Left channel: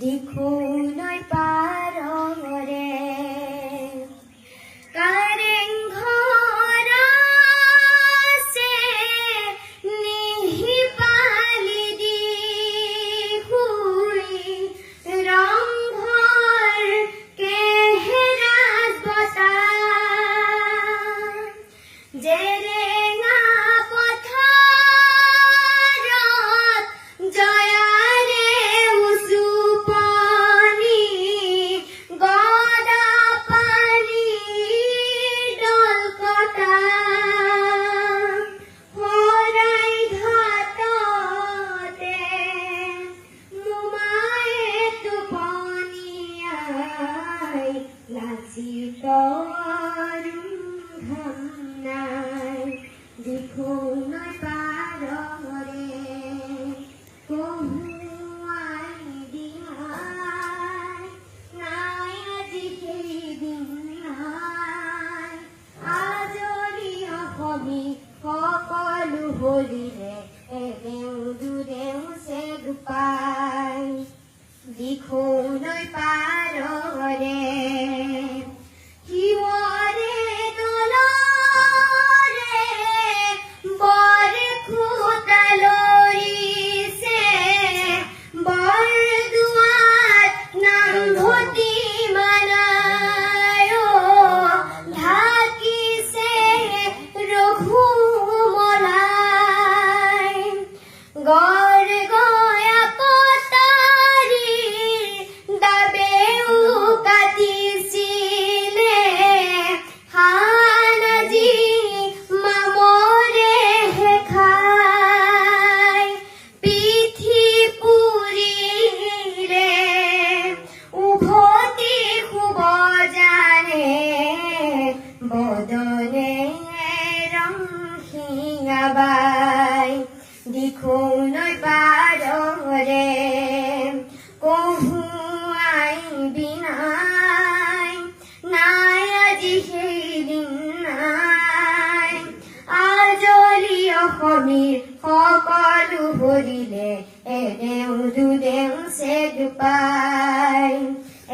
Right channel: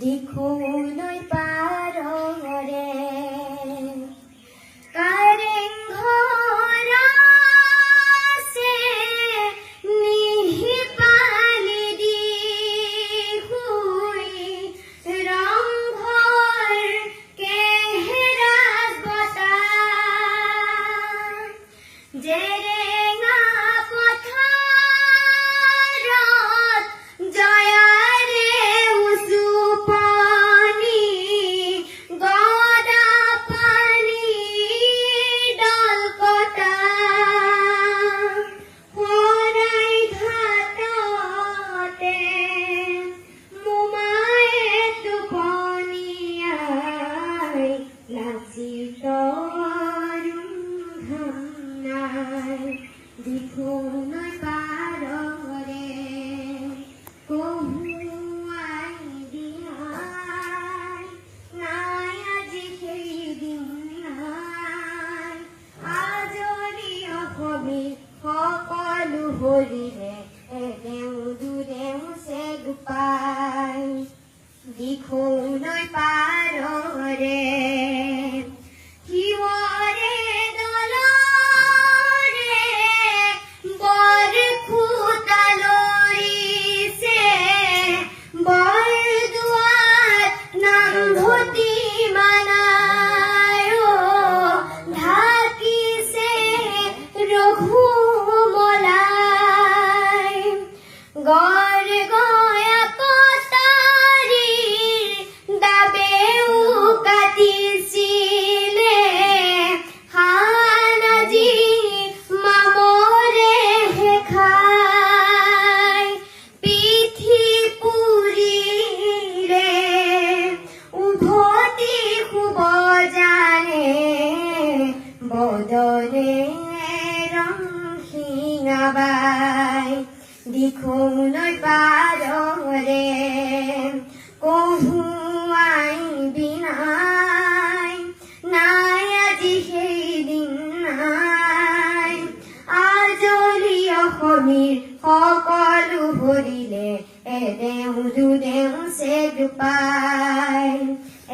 দিখৌনৈ পাৰৰে কাৰেংঘৰ আছে নিহিপালি দি শুই ৰংঘৰ কেহেৰাজ বতাহ জেৰেঙা পথাৰত জয়াৰে উজু পানী গদা পানী দলকটা শৰাই ঘাটতে মোমায়ে টোপনিয়াই লাচিত দিখৌনৈ পাৰৰে কহুৱাই দিয়াই নাই আজি সেইদিন নাই আজৰি অসমী সকলো হৰিলে এদেও দুদেও চেগুপাই দিখৌনৈ পাৰৰে শিৱৰে গড় গয়া কটাৰীৰ দাবেও কাটিছিলে হানাজি মামৰে খাই পিঠি পুৰিলে উভতি শুব জানে বদনে ৰং শিঙাবাই দিখৌনৈ পাৰৰে কহুৱাই বিনাই নাই আজি সেইদিন নাই আজৰি অসমীৰ সকলো হৰিলে এদেও দুদেও চেগুপাই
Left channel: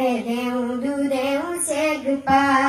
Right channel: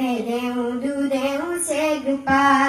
এদেও দুদেও চেগুপাই